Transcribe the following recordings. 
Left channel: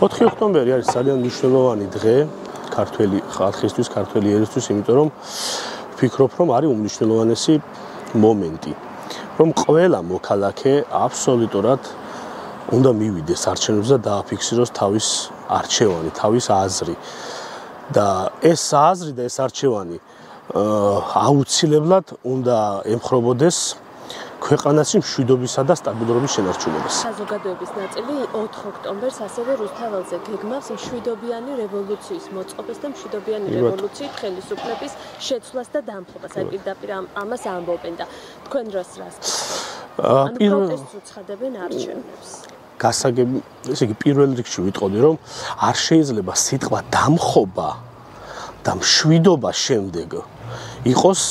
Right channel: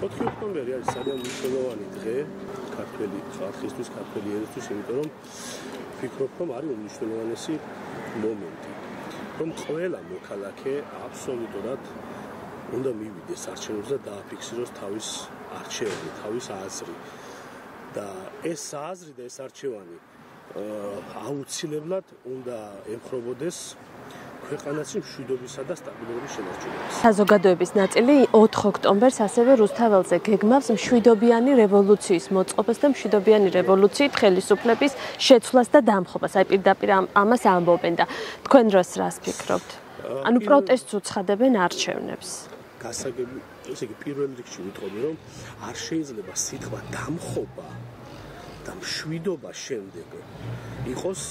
4 ოქტომბერი არის ძალიან მნიშვნელოვანი დღე ქართველი ხალხისთვის, ქართველი ერისთვის, იმიტომ რომ ვფიქრობ, რომ არის უმნიშვნელოვანესი მომენტი, რომ ყველა მოქალაქე აბსოლუტურად უნდა მივიდეს არჩევნებზე და დააფიქსიროს თავის არჩევანი, თავის აზრი. და ეს აზრი და ეს არჩევანი აუცილებლად უნდა ემხრობოდეს ქვეყანაში მშვიდობისა და სტაბილურობის შენარჩუნებას. საზოგადოების ნაწილი 4 ოქტომბერს ასევე რუსთაველზე გეგმავს მშვიდობიანი რევოლუციის მოწყობას და მშვიდობიანი რევოლუციით ხელისუფლების შეცვლას და დამხობას. აი პირდაპირ ამას ამბობენ და თქვენ რას ფიქრობთ? ანუ პროტესტს უცხადებენ არჩევნებს. გასაგები, ესე იგი პირველ რიგში ვიტყოდი, რომ არ შეიძლება სიტყვა დამხობა და მშვიდობა შემდეგ იყოს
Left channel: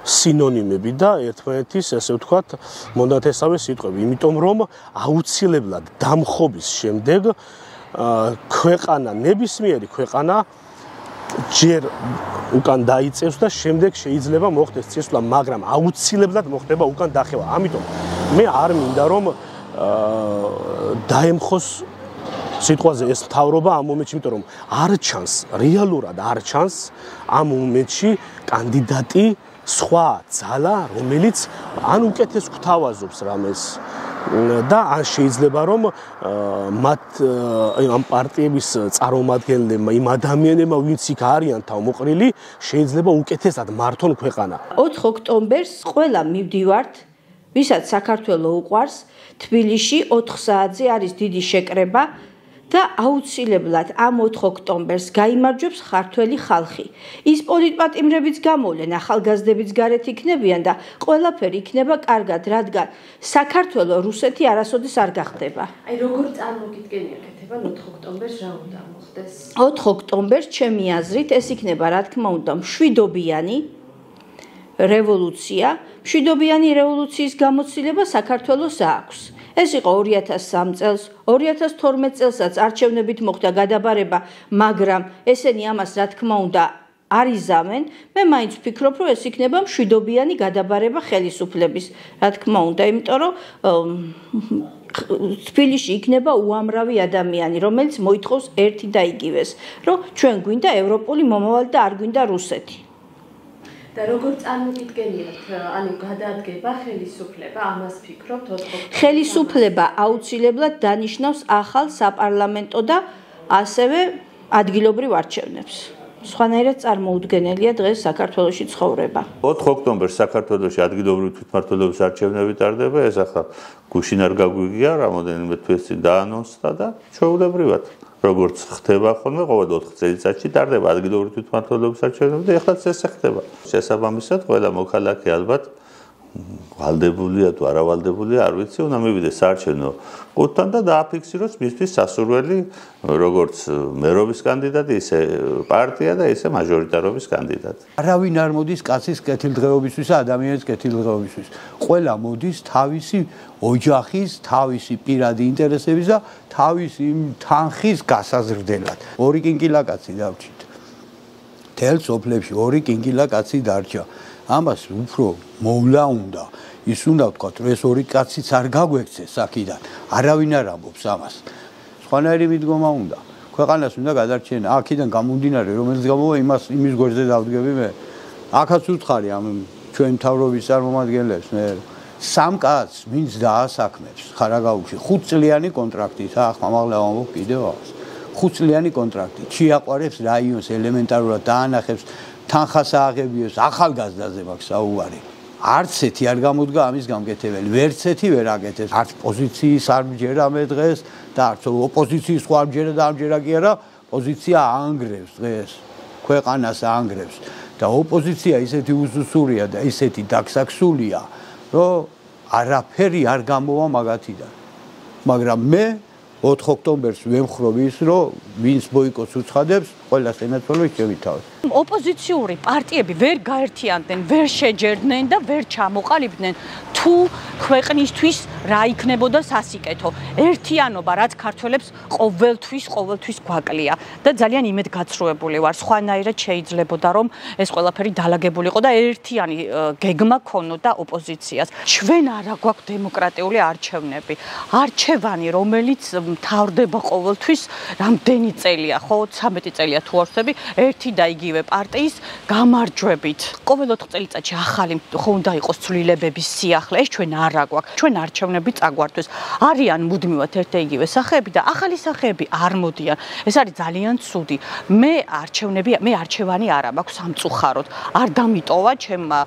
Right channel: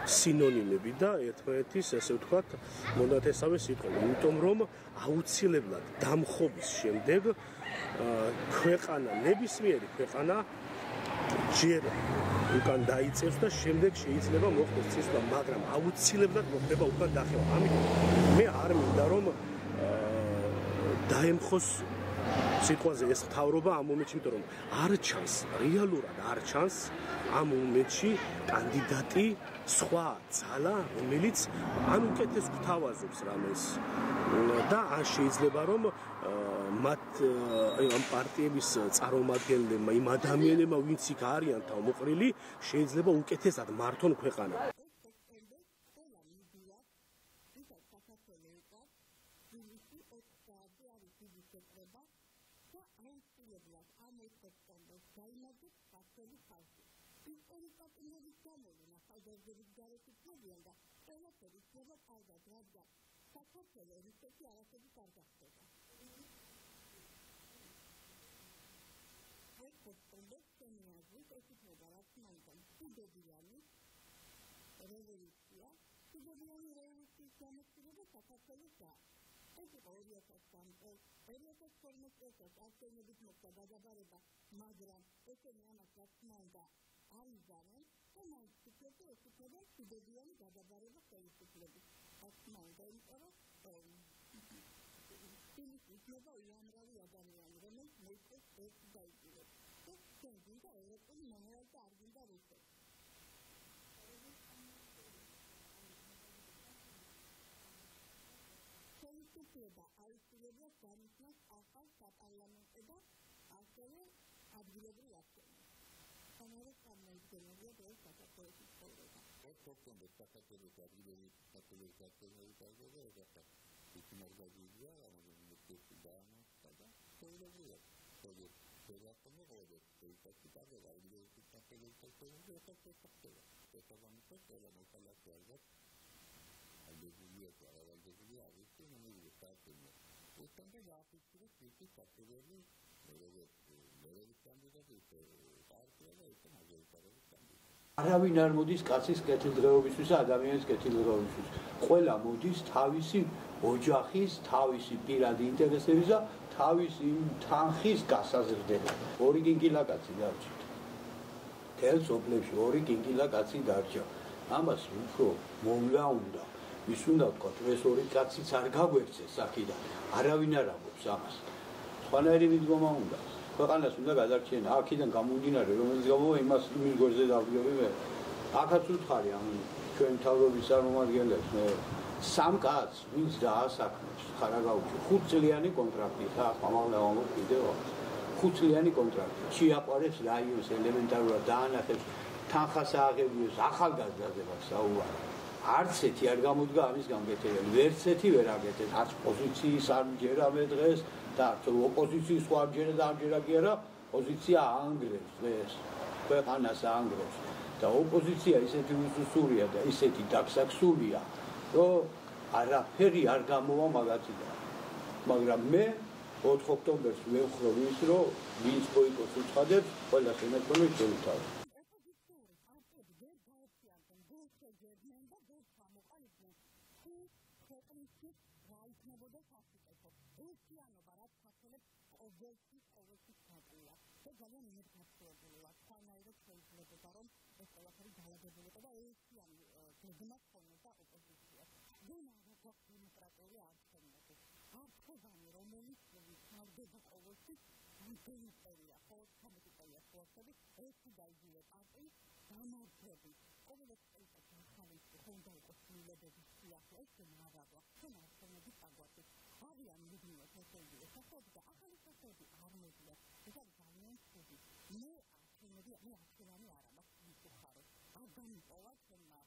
სინონიმები და ერთმანეთის, ასე ვთქვათ, მონათესავე სიტყვები, იმიტომ რომ აუცილებლად დამხობის შემდეგ ქვეყანა, ნებისმიერი ქვეყანა ჯერ უკან დაიწევს და შემდეგ შეიძლება მოხდეს წესვლა, მაგრამ აუცილებლად მოხდება უკან დახევა. ამიტომ მე არ მინდა რომ დაემხოს სიტყვაზე ეს მთავრობა ამ მომენტში, იმიტომ რომ არ ჩანს, რეალურად არ ჩანს ამ მომენტში კანდიდატი სხვა ძალა, რომელიც ან უკეთეს გვთავაზობს რამეს და ან შეიძლება რომ მათ ამ პარტიების წარმომადგენლებმა, იმ ადამიანებმა, ვინც იქ არიან თავმოყრილი, შეიძლება უკეთესად მართონ ქვეყანა. 4 ოქტომბერს ყველა მივდივართ, ვისაც საქართველო უყვარს, თბილისში 4 საათზე არის დიდი შეკრება და აუცილებლად ამ 4 ოქტომბერს გაიმარჯვებს ქართველი ხალხი. ის პოლიტპატიმრებიც გამოვლენ, ახალგაზრდებიც გარეთ იქნებიან და ყველაფერი იქნება კარგად, რადგან საქართველო რუსეთი არასოდეს არ გახდება. აი როგორ წარმოგიდგენია კეთება 4 ოქტომბერს რა უნდა მოხდეს? 4 ოქტომბერს ჩემი აზრით ეს იქნება რა თქმა უნდა მშვიდობიანი რევოლუცია. მშვიდობიანი რევოლუციის გამოცდილება საქართველოს აქვს. ეს იყო 2003 წელს, 2012 წელსაც არჩევნებით მოხდა გადაბარება, მაგრამ ესენი ამას რა თქმა უნდა არ იზამენ. მე მაინც ვფიქრობ, რომ ეს იქნება მშვიდობიანი გადაბარება ხელისუფლების, რა თქმა უნდა, იმიტომ რომ თბილისში იქნება უამრავი ადამიანი, რომელიც მოითხოვს ერთი და იგივეს, რომ ჩვენ გვინდა ევროპული მომავალი და არ გვინდა რუსეთი. და როგორ წარმოგიდგენიათ, ანუ გადადგება ხელისუფლება, ამას ფიქრობთ 4 ოქტომბერს? ხელისუფლება აუცილებლად დანიშნავს ახალ საპარლამენტო და ასევე ადგილობრივ არჩევნებს. სხვანაირად წარმოუდგენელია დღეს საქართველოში ცხოვრება. 4 ოქტომბერს საქართველოში ადგილობრივი თვითმმართველობის არჩევნები ტარდება, ეს ახლა გუშინ არ გაგვიგია, რამოდენიმე თვეს წინ დაანონსდა და ჩვეულებრივად როგორც ხდება ხოლმე ყოველ 4 წელიწადში ტარდება ადგილობრივი თვითმმართველობის არჩევნები და ეხლაც ეს ხდება. შესაბამისად, ყველა მოქალაქე ალბათ ვალდებულია თუ არა ვალდებულია, არ ვიცი, უნდა მივიდეს საარჩევნო ყუთთან და დააფიქსიროს მისთვის სასურველი, როგორც მერობის კანდიდატი, ისე პარტია და ისე მაჟორიტარობის კანდიდატი. არავინ არ მოდის კაცის კეთილდღეობისთვის და ადამიანის კეთილდღეობისთვის. ყველა მოდის თავისი ოჯახის, თავისი პირადი ინტერესების და თავისი თანხის გასაზრდელად. 2 კინკილაკაცი დავრჩით. თელ სოფლებში 2 კინკილაკაცი დარჩა. ამას უფრო მოვლა უნდა. ის უნდა ვთქვათ, რომ ეს 2 კაციც არ გაგვექცეს აქედან. არავინ არ ამბობს ამას. სხვანაირი მიდგომა უნდა. ქვეყანას უნდა გადარჩენა. აქედან გამომდინარე, რომელიც გამოვა იმის გვერდზე დავდგები მე. აქაც უთხარი ამ ჩვენ მთავრობის წარმომადგენლებს მე 3 კაცს ვინც დაასაქმებს ხარაგაულში 5 წლიანი კონტრაქტით, ახლა მაღლა ამბობ კიდევ ახს. 5 წლიანი კონტრაქტით. შეაყვარებს რაიონს ელემენტარულად დაანახებს თანხას ააღებიოს ახალგაზრდაზე მაქვს საუბარი. არც ერთი არ გამოდგა ამის გამკეთებელი. ვერც ერთი ვერ აკეთებს. არც პოზიციის არ მჯერა მე დღეს და არც ოპოზიციის სხვა მჯერა და ამჯერა კი არა, პოზიცია ანგრევს დღეს. ქვეყანას ანგრევს და ოპოზიცია ისეთი უსუსურია და ისეთი დაქსაქსულია, რომ არაფერი არ გამოვა მაგათიდან. მაგრამ მე 4 ოქტომბერს ვემხრობ ის, რომ ვინც ბოიკოტს უცხადებს ყველა სენატორი შევითავეს. ოპოზიციური პარტიები ვერ გაერთიანდნენ, ვერ შეჯერდნენ და ვერ ჩამოყალიბდნენ თუ ქვეყნისთვის რა იქნებოდა სასიკეთო. ერთიანობა, რაც ქართველებს ყოველთვის გვაკლია და ძალიან იმედგაცრუებული ვარ. სხვანაირად შეიძლებოდა რომ ეს ყველაფერი დალაგებულიყო და ერთიანი გეგმა ქონოდა ოპოზიციას. ჩვენ არა გვაქვს დემოკრატიული არჩევნები. არჩევანი, რომელიც მთავრდება ყოველთვის რამდენი წელია, ხო, 13 წელია თუ არ ვცდები, ერთი და იგივე პარტიის გამარჯვებით. ყოველ 4 წელიწადში ახალი ხო უნდა იყოს ცვლილებების სიახლე, ეს ჩვენ არა გვაქვს. ჩვენ არჩევნები წაგვართვის. არიან მუდმივად ერთ და იგივე სახეები და ახალი სახეები არ მოდიან. ეს არის ძალიან ცუდი. მე არჩევანი არა მაქვს სამწუხაროდ. არ დამიტოვა ჩემმა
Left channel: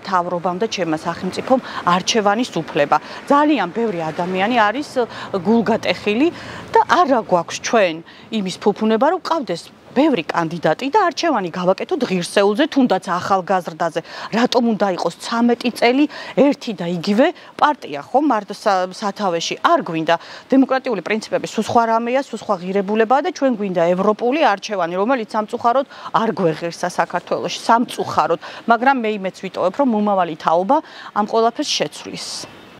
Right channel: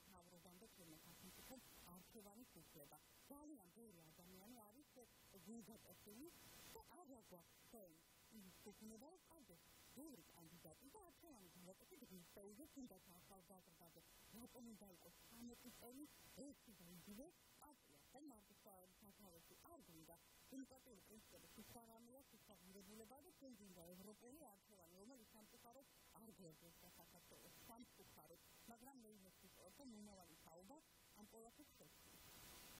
მთავრობამ და ჩემმა სახელმწიფომ არჩევანის უფლება. ძალიან ბევრი ადამიანი არის გულგატეხილი და არა გვაქვს ჩვენ იმის ფუფუნება რომ ყავდეს ბევრი კანდიდატი და არჩევანი გავაკეთოთ ღირსეულზე, თუნდაც ახალგაზრდაზე. რატომ უნდა იყოს 13 წელი ერთი და იგივე პარტია, ხო, სათავეში? არ გვინდა დემოკრატიული პრინციპები, სულ სხვა რამეა, სულ სხვა ღირებულებაა და ჩვენ გვინდა ევროპული არჩევანი, რომელიც სამწუხაროდ არ გვეღირსა საქართველოში, სამწუხაროდ, მაგრამ მე იმეც ვიტოვებ, რომ მომავალი თაობა ამ ყველაფერს შეცვლის.